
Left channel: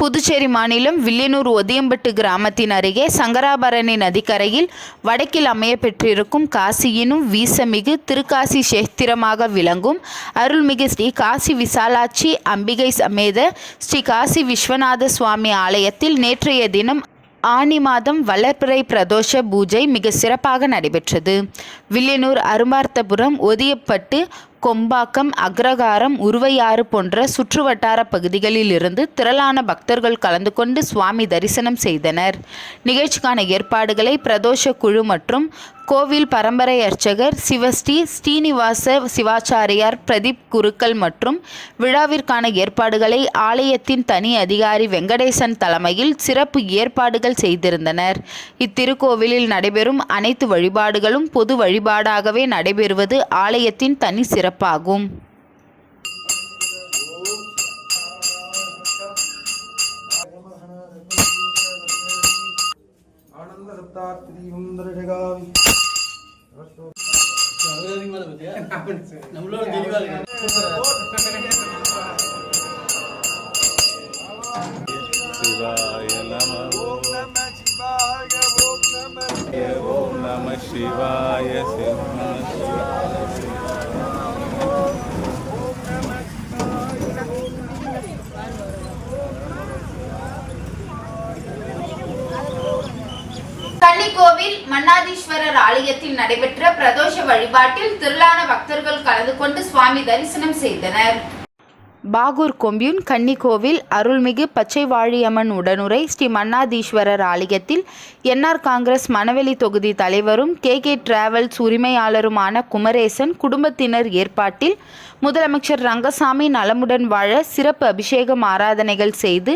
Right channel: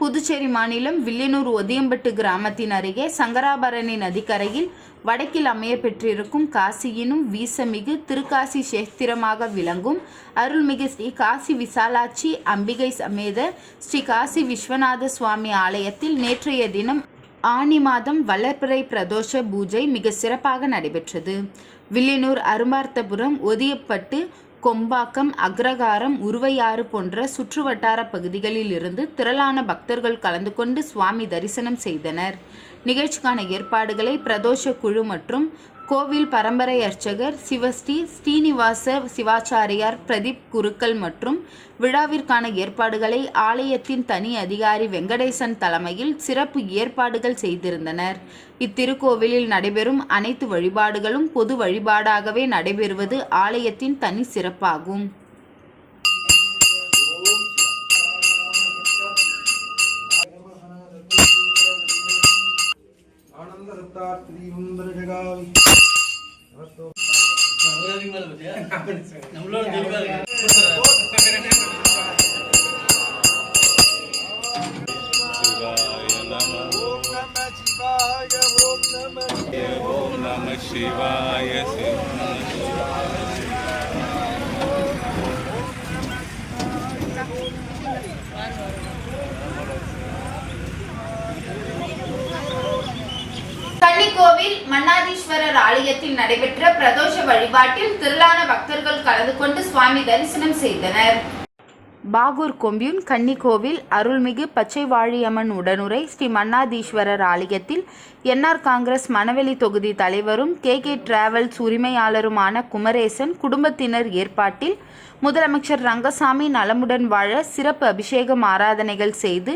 புதுச்சேரி மாநிலம் வில்லியனூர் ஒதியம்பட்டு கிராமத்தின் அருகே சங்கராபரணி நதிக்கரையில் வடக்கில் அமைய பெற்றிருக்கும் காசியினும் வீசமிகு திருக்காசி சேத்திரமாக விளங்கும் அருள்மிகு ஸ்ரீ காசி விசாலாட்சி அம்பிகை சமேத ஸ்ரீ காசி விஸ்வநாத சுவாமி ஆலயத்தில் நேற்றைய தினம் ஆனி மாதம் வளர்பிறை பிரதோஷ பூஜை மிக சிறப்பாக நடைபெற்றது. வில்லியனூர், அரும்பார்த்தபுரம், ஒதியப்பட்டு, கொம்பாக்கம், அக்ரகாரம், உருவையாறு போன்ற சுற்றுவட்டார பகுதிகளில் இருந்து திரளான பக்தர்கள் கலந்து கொண்டு சுவாமி தரிசனம் செய்தனர். நிகழ்ச்சிக்கான ஏற்பாடுகளை பிரதோஷ குழு மற்றும் கோவில் பரம்பரை அர்ச்சகர் சிவஸ்ரீ ஸ்ரீனிவாச சிவாச்சாரியார் பிரதீப் குருக்கள் மற்றும் விழாவிற்கான ஏற்பாடுகளை ஆலயத்தின் தனி அதிகாரி வெங்கடேசன் தலைமையில் சிறப்பு ஏற்பாடுகள் செய்திருந்தனர். இத்திருக்கோவிலில் நடைபெறும் அனைத்து வழிபாடுகளும் பொது வழிபாடாகவே நடைபெறுவது ஆலயத்தின் தனி சிறப்பாகும். கன்னிக்கோவில் மன்னாதீஸ்வரர் ஆலயத்தில் நடைபெற்ற பிரதோஷ வழிபாட்டில் திரளான பக்தர்கள் கலந்து கொண்டு சுவாமி தரிசனம் செய்தனர். பாகூர் கொம்யூன் கன்னிக்கோவில் அருள்மிகு பச்சைவாழியம்மன் உடனுரை ஸ்ரீ மன்னாதீஸ்வரர் ஆலயத்தில் என்ஆர் காங்கிரஸ் மணவெளி தொகுதி தலைவரும் கே டிராவல்ஸ் உரிமையாளருமான குமரேசன் குடும்பத்தினர் ஏற்பாட்டில் முதலமைச்சர் ரங்கசாமி நலமுடன் வாழ சிறப்பு அபிஷேகம் ஆராதனைகள் செய்து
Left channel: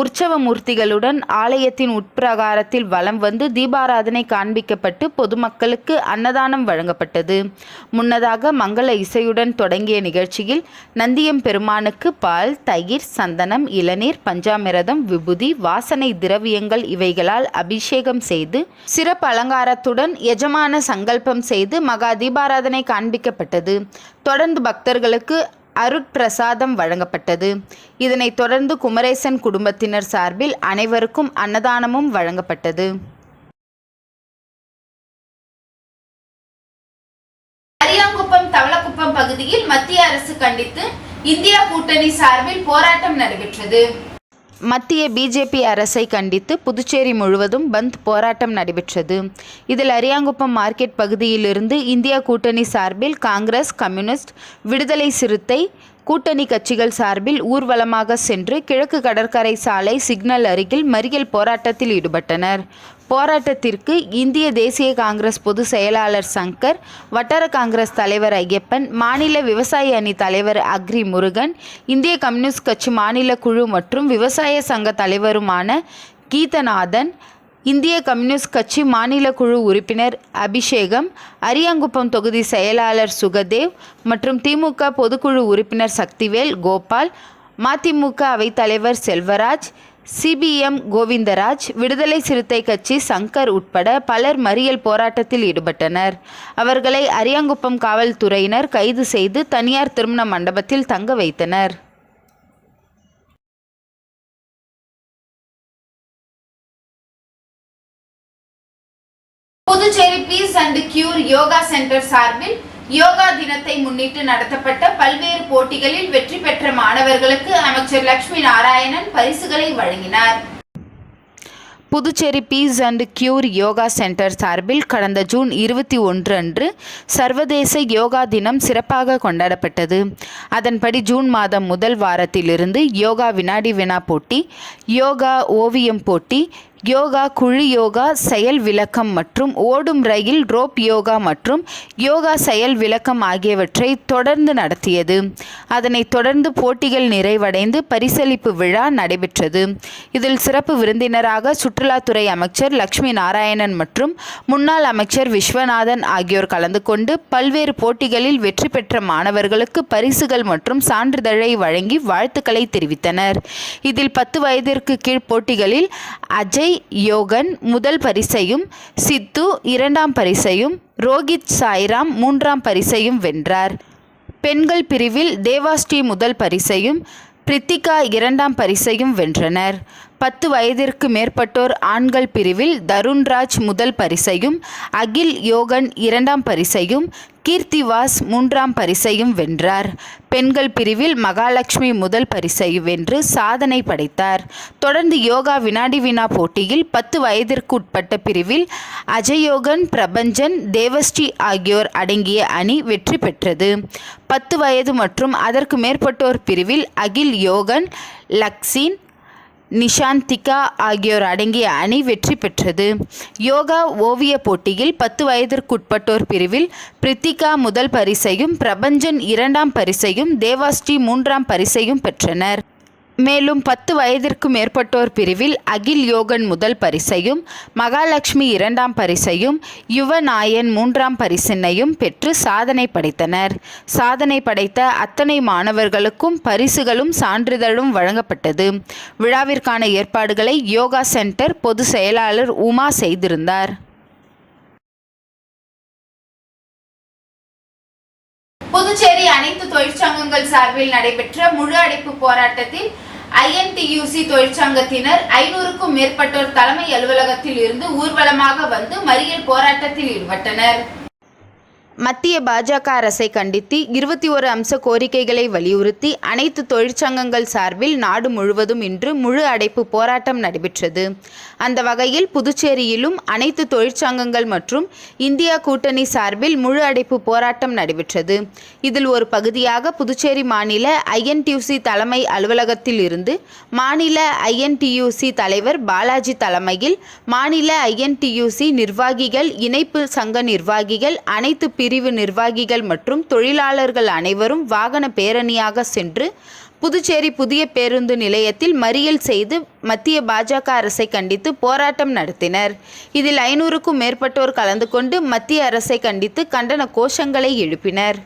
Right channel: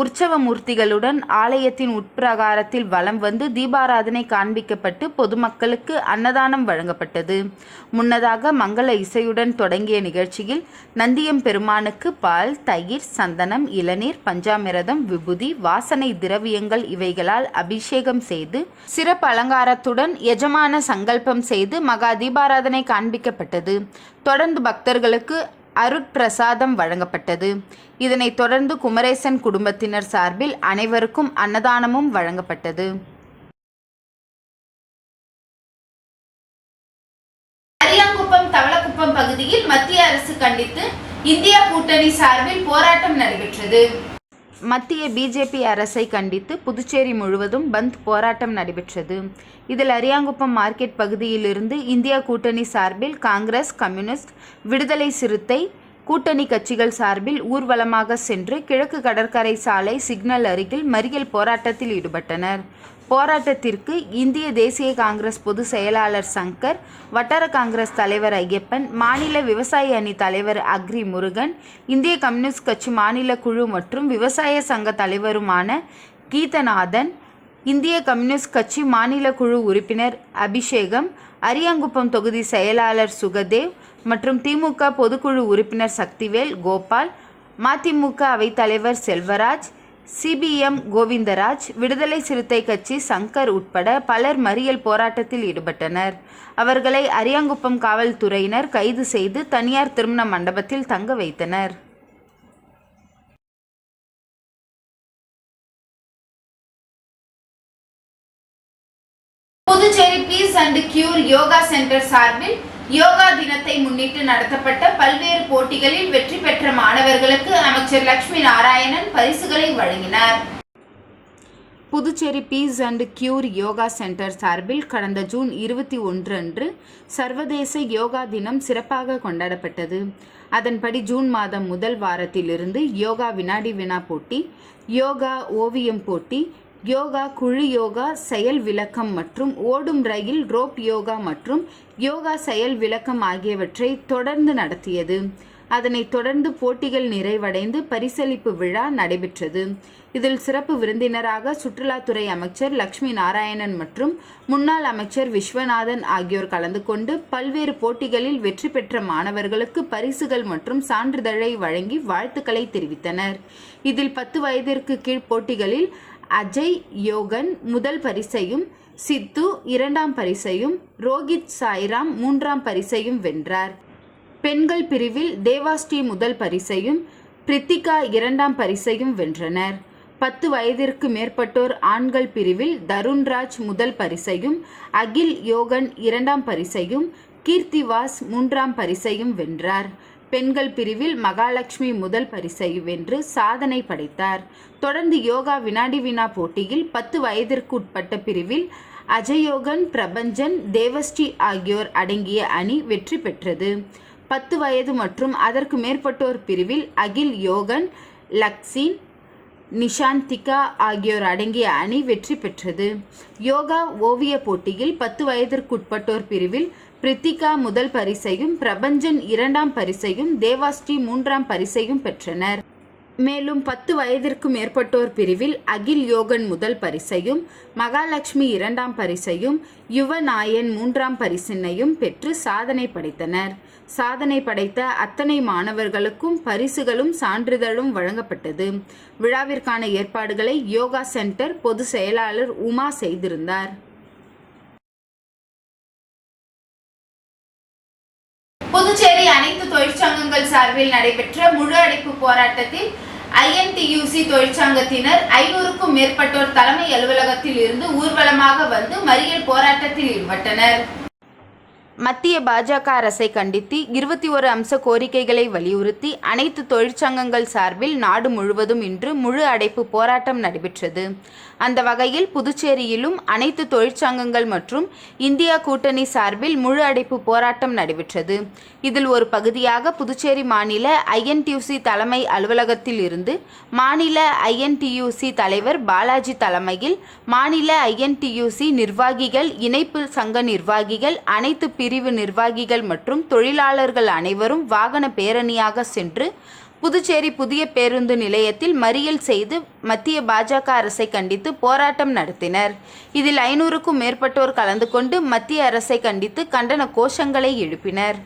உற்சவ மூர்த்திகளுடன் ஆலயத்தின் உட்பிரகாரத்தில் வலம் வந்து தீபாராதனை காண்பிக்கப்பட்டு பொதுமக்களுக்கு அன்னதானம் வழங்கப்பட்டது. முன்னதாக மங்கள இசையுடன் தொடங்கிய நிகழ்ச்சியில் நந்தியம் பெருமானுக்கு பால், தயிர், சந்தனம், இளநீர், பஞ்சாமிரதம், விபூதி, வாசனை திரவியங்கள் இவைகளால் அபிஷேகம் செய்து சிறப்பு அலங்காரத்துடன் எஜமான சங்கல்பம் செய்து மகா தீபாராதனை காண்பிக்கப்பட்டது. தொடர்ந்து பக்தர்களுக்கு அருட்பிரசாதம் வழங்கப்பட்டது. இதனைத் தொடர்ந்து குமரேசன் குடும்பத்தினர் சார்பில் அனைவருக்கும் அன்னதானமும் வழங்கப்பட்டது. அரியாங்குப்பம், தவளக்குப்பம் பகுதியில் மத்திய அரசு கண்டித்து இந்தியா கூட்டணி சார்பில் போராட்டம் நடைபெற்றது. மத்திய பிஜேபி அரசை கண்டித்து புதுச்சேரி முழுவதும் பந்த் போராட்டம் நடைபெற்றது. இதில் அரியாங்குப்பம் மார்க்கெட் பகுதியிலிருந்து இந்தியா கூட்டணி சார்பில் காங்கிரஸ், கம்யூனிஸ்ட், விடுதலை சிறுத்தை கூட்டணி கட்சிகள் சார்பில் ஊர்வலமாக சென்று கிழக்கு கடற்கரை சாலை சிக்னல் அருகில் மறியல் போராட்டத்தில் ஈடுபட்டனர். போராட்டத்திற்கு இந்திய தேசிய காங்கிரஸ் பொதுச் செயலாளர் சங்கர், வட்டார காங்கிரஸ் தலைவர் ஐயப்பன், மாநில விவசாய அணி தலைவர் அக்ரி முருகன், இந்திய கம்யூனிஸ்ட் கட்சி மாநில குழு மற்றும் விவசாய சங்க தலைவருமான கீதநாதன், இந்திய கம்யூனிஸ்ட் கட்சி மாநில குழு உறுப்பினர் அபிஷேகம், அரியாங்குப்பம் தொகுதி செயலாளர் சுகதேவ் மற்றும் திமுக பொதுக்குழு உறுப்பினர் சக்திவேல், கோபால், மதிமுக அவைத்தலைவர் செல்வராஜ், சிபிஎம் கோவிந்தராஜ், விடுதலை சிறுத்தை கட்சி சங்கர் உட்பட பலர் மறியல் போராட்டத்தில் ஈடுபட்டனர். அவர்களை அரியாங்குப்பம் காவல்துறையினர் கைது செய்து தனியார் திருமண மண்டபத்தில் தங்க வைத்தனர். Puducherry peace and cure yoga centre சார்பில் யோகா தினத்தை முன்னிட்டு நடத்தப்பட்ட பல்வேறு போட்டிகளில் வெற்றி பெற்ற மாணவர்களுக்கு அமைச்சர் லட்சுமி நாராயணன் பரிசுகளை வழங்கினார். Puducherry peace and cure yoga centre சார்பில் கடந்த ஜூன் 21 அன்று சர்வதேச யோகா தினம் சிறப்பாக கொண்டாடப்பட்டது. அதன்படி ஜூன் மாதம் முதல் வாரத்திலிருந்து யோகா வினாடி வினா போட்டி, யோகா ஓவியம் போட்டி, யோகா குழு யோகா செயல் விளக்கம் மற்றும் ஓடும் ரயில் ரோப் யோகா மற்றும் யோகா செயல் விளக்கம் ஆகியவற்றை தொடர்ந்து நடத்தியது. அதனைத் தொடர்ந்து போட்டிகள் நிறைவடைந்து பரிசளிப்பு விழா நடைபெற்றது. இதில் சிறப்பு விருந்தினராக சுற்றுலாத்துறை அமைச்சர் லட்சுமி நாராயணன் மற்றும் முன்னாள் அமைச்சர் விஸ்வநாதன் ஆகியோர் கலந்து கொண்டு பல்வேறு போட்டிகளில் வெற்றி பெற்ற மாணவர்களுக்கு பரிசுகள் மற்றும் சான்றிதழை வழங்கி வாழ்த்துக்களை தெரிவித்தனர். இதில் 10 வயதிற்கு கீழ் போட்டிகளில் அஜய் யோகன் முதல் பரிசையும், சித்து 2ஆம் பரிசையும், ரோஹித் சாய்ராம் 3ஆம் பரிசையும் வென்றார். பெண்கள் பிரிவில் தேவாஸ்ரீ முதல் பரிசையும், பிரித்திகா 2ஆம் பரிசையும் வென்றனர். 10 வயதிற்கு மேற்பட்டோர் ஆண்கள் பிரிவில் தருண்ராஜ் முதல் பரிசையும், அகில் யோகன் 2ஆம் பரிசையும், கீர்த்திவாஸ் 3ஆம் பரிசையும் வென்றார். பெண்கள் பிரிவில் மகாலட்சுமி முதல் பரிசை வென்று சாதனை படைத்தார். தொடர்ந்து யோகா வினாடி வினா போட்டியில் 10 வயதிற்கு உட்பட்ட பிரிவில் அஜயோகன், பிரபஞ்சன், தேவஸ்ரீ ஆகியோர் அடங்கிய அணி வெற்றி பெற்றது. 10 வயது மற்றும் அதற்கு மேற்பட்டோர் பிரிவில் அகில் யோகன், லக்ஸின், நிஷாந்திகா ஆகியோர் அடங்கிய அணி வெற்றி பெற்றது. யோகா ஓவிய போட்டியில் 10 வயதிற்குட்பட்டோர் பிரிவில் பிரித்திகா முதல் பரிசையும், பிரபஞ்சன் 2ஆம் பரிசையும், தேவாஸ்ரீ 3ஆம் பரிசையும் பெற்றனர். மேலும் 10 வயதிற்கு மேற்பட்டோர் பிரிவில் அகில் யோகன் முதல் பரிசையும், மகாலட்சுமி 2ஆம் பரிசையும், யுவநாயன் 3ஆம் பரிசினையும் பெற்று சாதனை படைத்தனர். சாதனை படைத்த அத்தனை மாணவர்களுக்கும் பரிசுகளும் சான்றிதழும் வழங்கப்பட்டது. விழாவிற்கான ஏற்பாடுகளை யோகா சென்டர் பொதுச் செயலாளர் உமா செய்திருந்தார். புதுச்சேரி அனைத்து தொழிற்சங்கங்கள் சார்பில் நடைபெற்ற முழு அடைப்பு போராட்டத்தில் INTUC தொழிற்சங்கத்தினர் 500க்கும் மேற்பட்டோர் தலைமை அலுவலகத்தில் இருந்து ஊர்வலமாக வந்து மறியல் போராட்டத்தில் ஈடுபட்டனர். மத்திய பாஜக அரசை கண்டித்து 21 அம்ச கோரிக்கைகளை வலியுறுத்தி அனைத்து தொழிற்சங்கங்கள் சார்பில் நாடு முழுவதும் இன்று முழு அடைப்பு போராட்டம் நடைபெற்றது. அந்த வகையில் புதுச்சேரியிலும் அனைத்து தொழிற்சங்கங்கள் மற்றும் இந்தியா கூட்டணி சார்பில் முழு அடைப்பு போராட்டம் நடைபெற்றது. இதில் ஒரு பகுதியாக புதுச்சேரி மாநில INTUC தலைமை அலுவலகத்தில் இருந்து மாநில INTUC தலைவர் பாலாஜி தலைமையில் மாநில INTUC நிர்வாகிகள், இணைப்பு சங்க நிர்வாகிகள், அனைத்து பிரிவு நிர்வாகிகள் மற்றும் தொழிலாளர்கள் அனைவரும் வாகன பேரணியாக சென்று புதுச்சேரி புதிய பேருந்து நிலையத்தில் மறியல் செய்து மத்திய பாஜக அரசை கண்டித்து போராட்டம் நடத்தினர். இதில் 500க்கும் மேற்பட்டோர் கலந்து கொண்டு மத்திய அரசை கண்டித்து கண்டன கோஷங்களை எழுப்பினர்.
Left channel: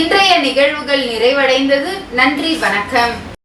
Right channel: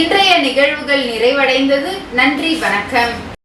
இன்றைய நிகழ்வுகள் நிறைவடைந்தது. நன்றி, வணக்கம்.